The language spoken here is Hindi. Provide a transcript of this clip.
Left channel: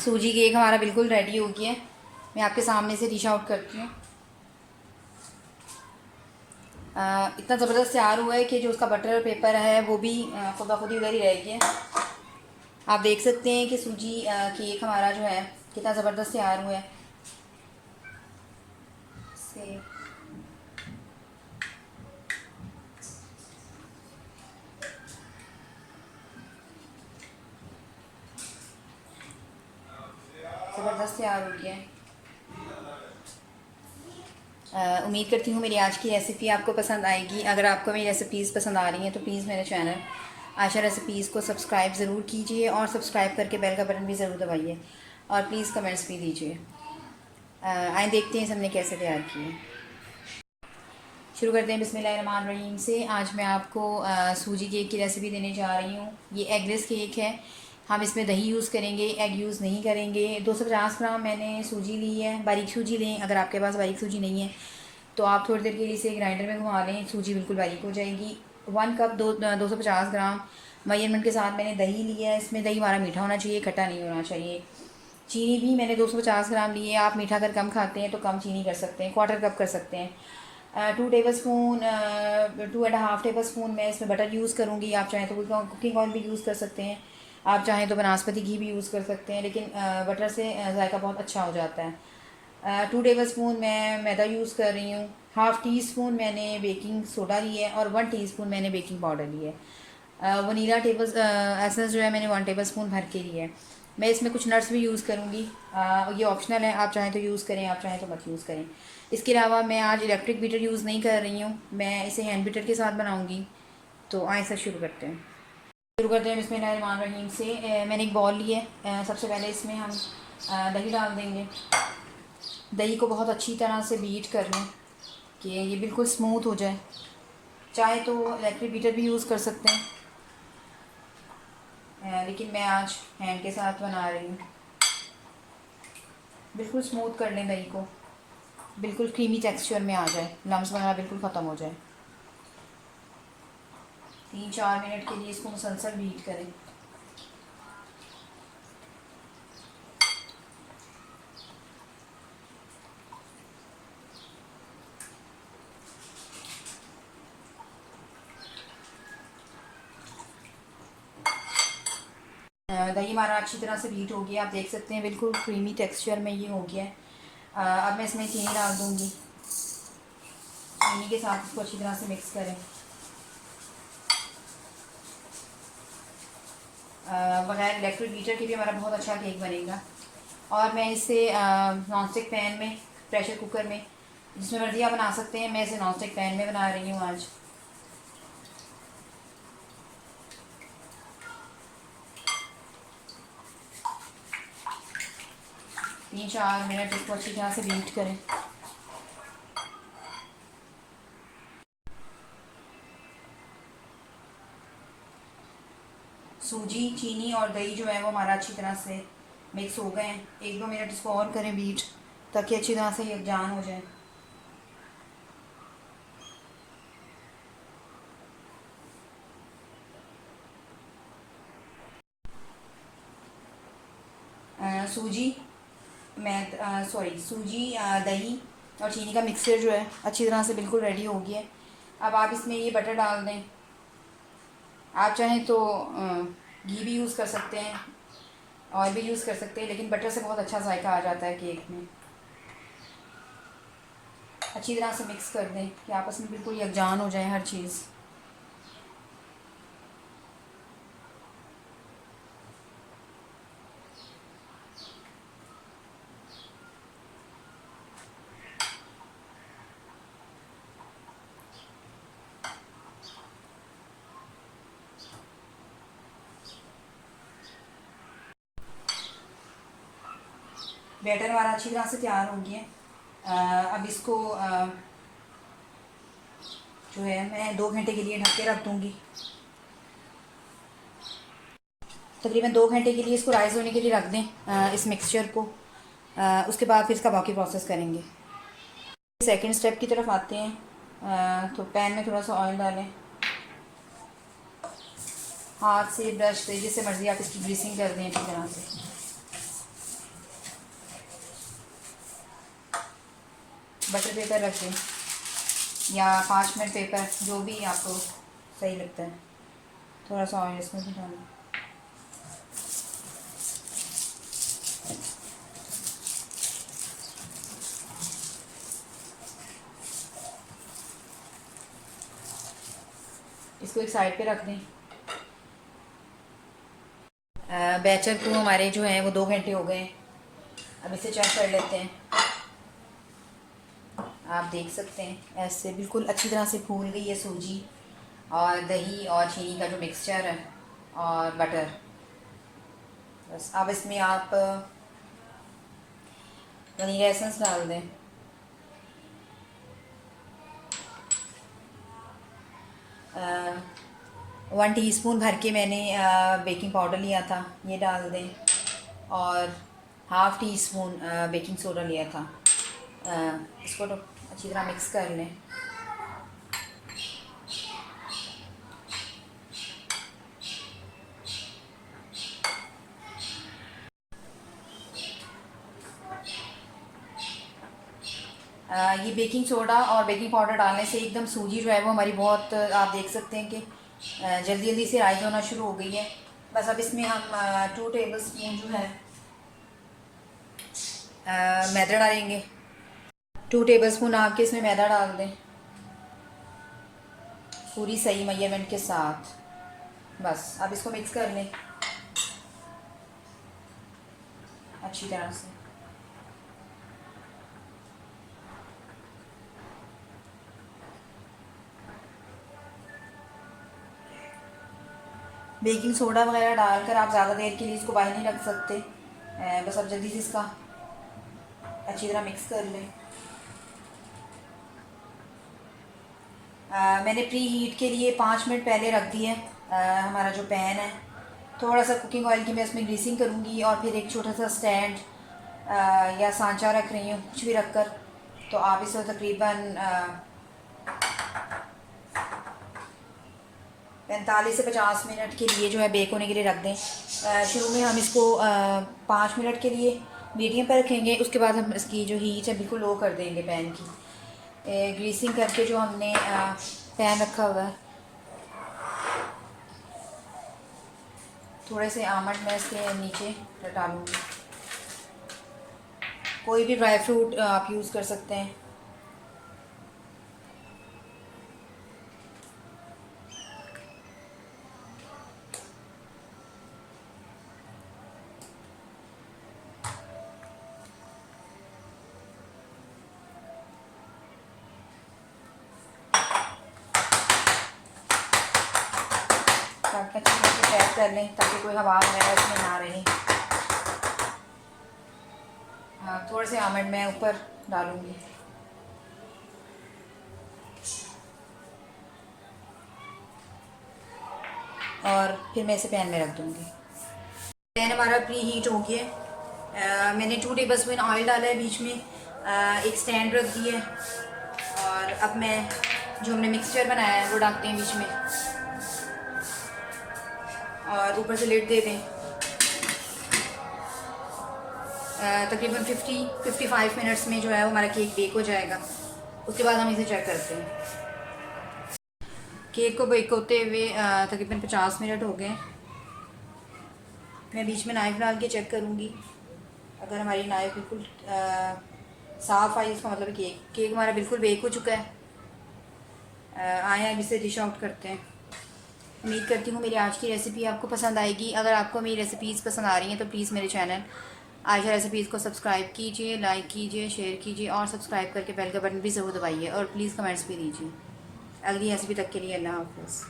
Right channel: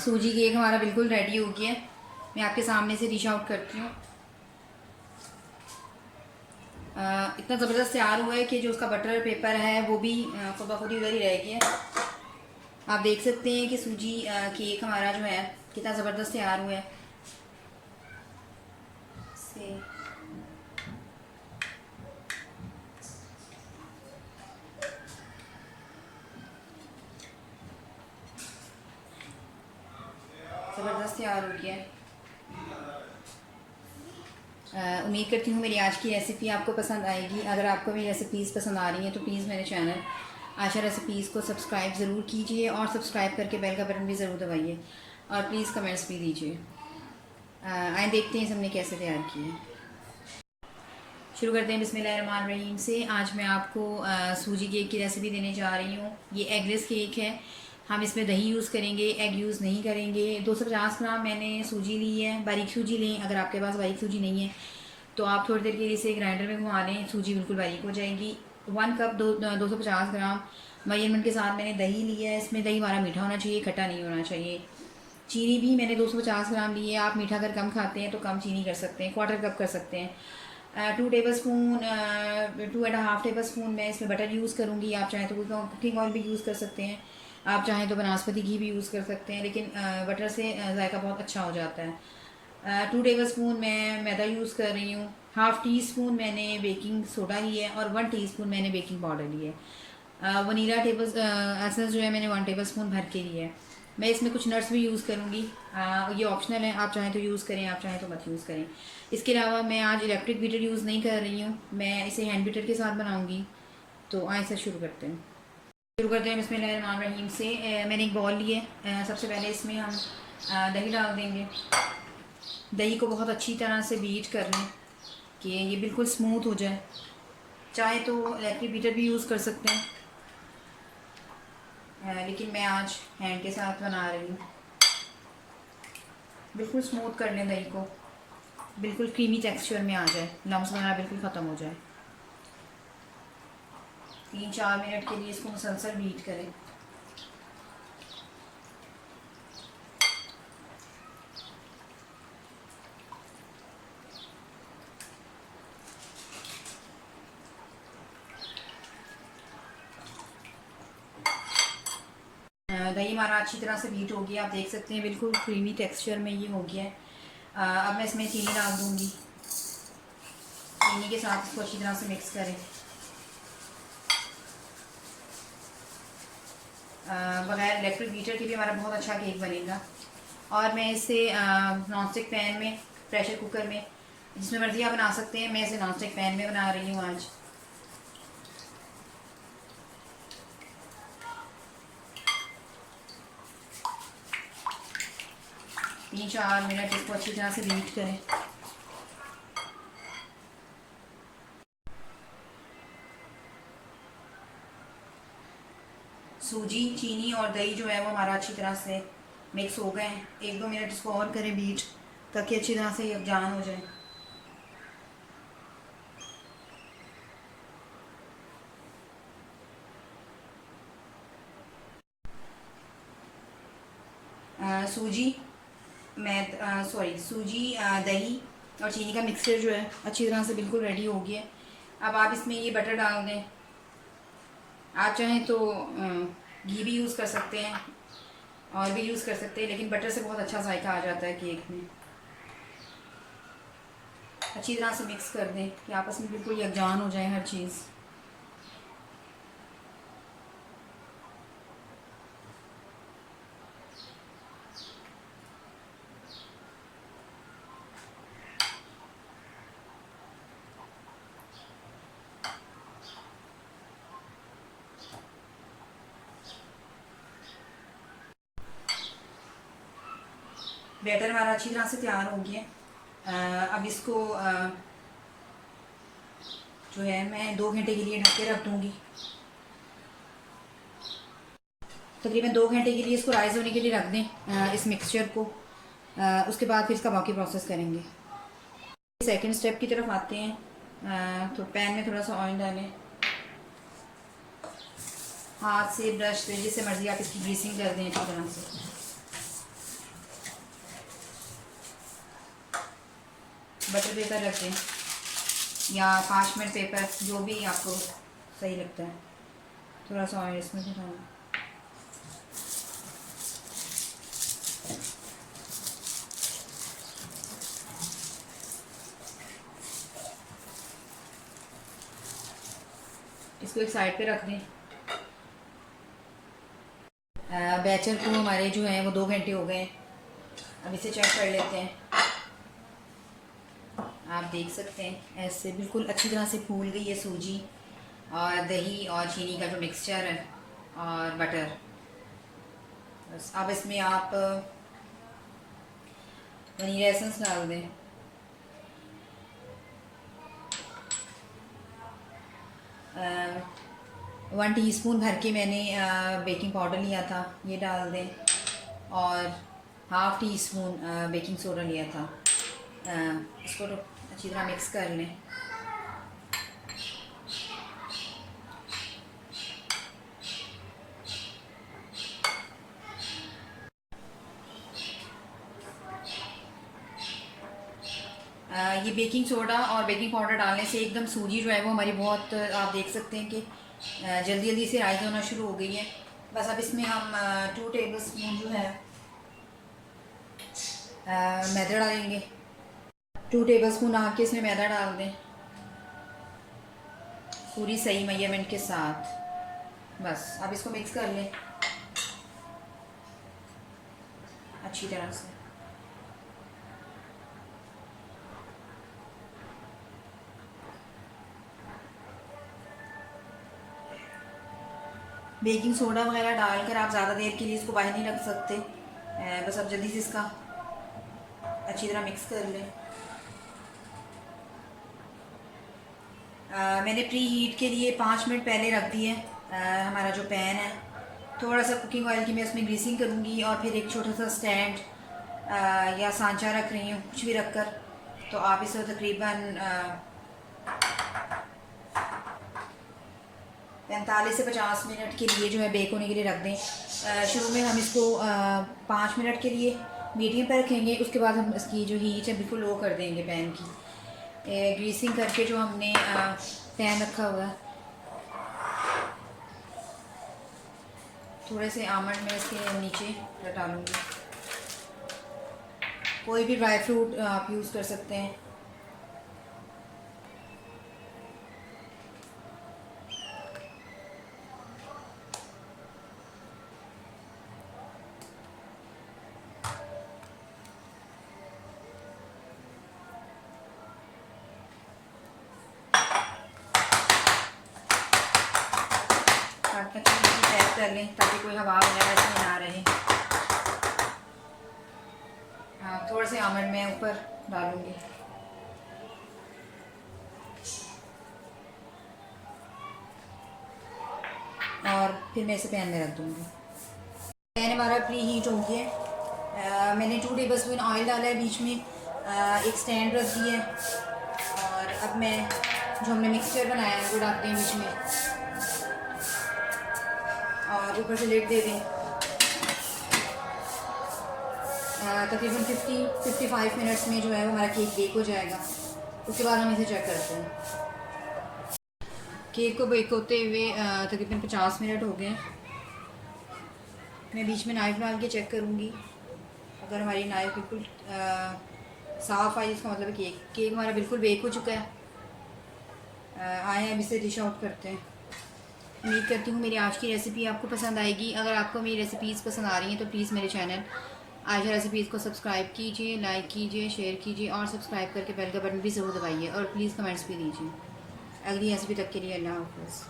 सूजी केक हमारा बिल्कुल रेडी हो गया है। मैं आपके सामने से डिश आउट करती हूँ। इतना ज़बरदस्त तैयार हुआ है कि जो उसका बटर पेपर है वो भी खुद ब खुद ही उधर ही रह गया है। आप देख सकते हैं कि सूजी केक हमारा जो है कितना ज़बरदस्त तैयार हुआ है। से ज़बरदस्त तैयार हो गया है। उम्मीद करती हूँ मेरी आज की रेसिपी आपको पसंद आएगी। अगर आपको मेरी रेसिपीज़ पसंद आ रही हैं तो प्लीज़ मेरे चैनल आशा रेसिपीज़ को सब्सक्राइब ज़रूर कीजिए और सब्सक्राइब करके बेल का बटन भी ज़रूर दबाइए और प्लीज़ कमेंट्स भी दीजिए। आए देखते हैं सबने कैसे तैयार किए। शुरू करते हैं बिस्मिल्लाहिर्रहमानिर्रहीम से। आज मैं आपको सूजी केक की रेसिपी देने जा रही हूँ। ये एगलेस केक है। हम इसमें दही यूज़ करेंगे, एग यूज़ नहीं करेंगे। 250 ग्राम मैंने सूजी ली है। बारीक सूजी लें। अगर आपके पास बारीक सूजी नहीं है तो आप थोड़ी देर के लिए इसे ग्राइंडर में घुमा लें, सूजी बिल्कुल बारीक हो जाएगी। 1 कप 250 ग्राम मेजरमेंट के साथ मैंने दही लिया है। इसमें दही हमारा मीठा होना चाहिए, खट्टा नहीं होना चाहिए। चीनी भी मैंने 250 ग्राम ली है। आप मीठा अगर कम खाते हैं तो कम चीनी कर सकते हैं, 1/4 कप कर सकते हैं। 2 टेबल स्पून 2.5 टेबल स्पून मैं इसमें बटर यूज़ करूँगी। आप चाहें तो कुकिंग ऑयल भी यूज़ कर सकते हैं, आप चाहें तो बनास्पति घी भी यूज़ कर सकते हैं, लेकिन बटर से जायका बहुत अच्छा हो जाता है। 2 टेबल स्पून मैं मैदा यूज़ कर रही हूँ। हाफ़ टी स्पून मैंने बेकिंग सोडा ली है और 1 टीस्पून मैंने बेकिंग पाउडर ली है। वनीला एसेंस जो है मैंने 1 टेबल स्पून भर के लिया है। मैं इसमें कुछ नट्स भी यूज़ करूँगी। ये ऑप्शनल है, आप चाहें तो यूज़ करें, आप चाहें तो मत यूज़ करें। इसके अलावा मैं आज इलेक्ट्रिक बीटर यूज़ नहीं कर रही हूँ, मैं इसे हैंड बीटर के साथ बनाऊँगी। तो आइए से शुरू करते हैं बिस्मिल्लाहिर्रहमानिर्रहीम से। मैंने एक बॉल ली है। सबसे पहले इसमें हम दही डाल देंगे। दही को बहुत अच्छी तरह से बीट कर लें कि ये बिल्कुल स्मूथ हो जाए। चाहे तो इलेक्ट्रिक बीटर भी यूज़ कर सकते हैं, लेकिन मैं आज हैंड के साथ बना रही हूँ। बिल्कुल स्मूथ कर लें दही को, बिल्कुल क्रीमी टेक्सचर में आ जाए, लम्स वगैरह बिल्कुल ख़त्म हो जाए। 3-4 मिनट के लिए इसको मुसलसल बीट करें। दही हमारा अच्छी तरह से बीट हो गया, आप देख सकते हैं बिल्कुल क्रीमी टेक्सचर में ये हो गया है। अब मैं इसमें चीनी डाल दूँगी। चीनी के साथ इसको अच्छी तरह से मिक्स करें। बगैर इलेक्ट्रिक बीटर के भी हमारा बहुत अच्छा केक बनेगा। और मैं इसे नॉन स्टिक पैन में, प्रेशर कुकर में, जिसमें मर्ज़ी आप बना सकते हैं। मैं इसे नॉन स्टिक पैन में बना रही हूँ आज। तीन 4 मिनट इसको अच्छी तरह से बीट करें। सूजी, चीनी और दही जो है वो हमारा अच्छी तरह से मिक्स हो गए हैं। 1-2 मिनट इसको और करें बीट, ताकि अच्छी तरह से यकजान हो जाए। सूजी, दही और चीनी का मिक्सचर जो है अच्छी तरह से बिल्कुल रेडी हो गया है। अब आप इसमें ये बटर डाल दें। आप चाहें तो घी भी यूज़ कर सकते हैं, ऑयल भी यूज़ कर सकते हैं, लेकिन बटर से बहुत अच्छा जायका आ जाता है केक में। अच्छी तरह से मिक्स कर दें कि आपस में बिल्कुल यकजान हो जाए हर चीज़। बैटर हमारा अच्छी तरह से तैयार हो गया। अब इसको जो है मैं 2 घंटे के लिए ढक के रख दूँगी। तकरीबन 2 घंटे के लिए इसको राइस होने के लिए रख दें, इस मिक्सचर को। उसके बाद फिर इसका बाकी प्रोसेस करेंगे। सेकंड स्टेप की तरफ आते हैं। तो पैन में थोड़ा सा ऑयल डालें। हाथ से, ब्रश से, जिससे मर्ज़ी आप इसकी ग्रीसिंग कर दें अच्छी तरह से। बटर पेपर रख दें या पार्चमेंट पेपर, जो भी आपको सही लगता है। थोड़ा सा ऑयल इसमें भी डालना। इसको एक साइड पे रख दें। बैचर को हमारे जो है वो 2 घंटे हो गए हैं। अब इसे चेक कर लेते हैं। आप देख सकते हैं ऐसे बिल्कुल अच्छी तरह से फूल गई है सूजी और दही और चीनी का जो मिक्सचर है और बटर। बस अब इसमें आप वनीला एसेंस डाल दें। आ, 1 टीस्पून भर के मैंने बेकिंग पाउडर लिया था, ये डाल दें। और half tea spoon baking soda लिया था। इसको तो अच्छी तरह मिक्स कर लें। ये बेकिंग सोडा और बेकिंग पाउडर डालने से एकदम सूजी जो है वो हमारी बहुत, आप देख सकते हैं कि जल्दी जल्दी से राइज होना शुरू हो गई है। बस अब इसमें हम 2 टेबल स्पून जो है मैदा डालेंगे। 2 टेबल स्पून आपके इसमें मैदा डाल दें पूरी सही मेजरमेंट के साथ। बस अब इसको मिक्स कर लें अच्छी तरह से। बेकिंग सोडा वगैरह डालकर आप ज़्यादा देर के लिए इसको बाहर नहीं रख सकते। बस अब जल्दी से इसका अच्छी तरह मिक्स कर लें। मैंने प्री हीट के लिए 5 मिनट पहले रख दी है हमारा जो पैन है। थोड़ा सा कुकिंग ऑयल की मैं इसमें ग्रीसिंग करूँगी और फिर एक छोटा सा स्टैंड या सांचा रख रही हूँ, कुछ भी रख कर। तो आप इसे तकरीबन 45 से 50 मिनट के लिए जो है बेक होने के लिए रख दें। शुरू में हम इसको 5 मिनट के लिए मीडियम पर रखेंगे, उसके बाद हम इसकी जो हीट है बिल्कुल लो कर देंगे पैन की। ग्रीसिंग करके जो हमने पैन रखा हुआ है, थोड़े से आमंड मैं इसके नीचे डालूँगी। कोई भी ड्राई फ्रूट आप यूज़ कर सकते हैं। अच्छे से पैक कर लें ताकि कोई हवा वगैरह इसमें ना रहे। हाँ, थोड़े से आमंड मैं ऊपर डालूँगी। और फिर मैं इसे पैन में रख दूँगी। पैन हमारा प्री हीट हो गया। मैंने 2 टेबल स्पून ऑयल डाला है, बीच में एक स्टैंड रख दिया है। और अब मैं जो हमने मिक्सचर बनाया है वो डालते हैं बीच में और ऊपर से लिड दे दें। तकरीबन 50-55 मिनट्स में जो है वो हमारा केक बेक हो जाएगा। उसके बाद हम इसे चेक करते हैं। केक को बेक होते हुए तकरीबन 50 मिनट हो गए। मैं बीच में नाइफ़ डाल के चेक करूँगी। अगर हमारी नाइफ़ बिल्कुल साफ़ आई, इसका मतलब केक हमारा बिल्कुल बेक हो चुका है। आए अब इसे डिश आउट करते हैं। उम्मीद करती हूँ मेरी आज की रेसिपी आपको पसंद आएगी। अगर आपको मेरी रेसिपीज़ पसंद आ रही हैं तो प्लीज़ मेरे चैनल आयशा रेसिपीज़ को सब्सक्राइब कीजिए, लाइक कीजिए, शेयर कीजिए और सब्सक्राइब करके बेल का बटन भी ज़रूर दबाइए और प्लीज़ कमेंट्स भी दीजिए। अगली रेसिपी तक के लिए अल्लाह हाफ़िज़।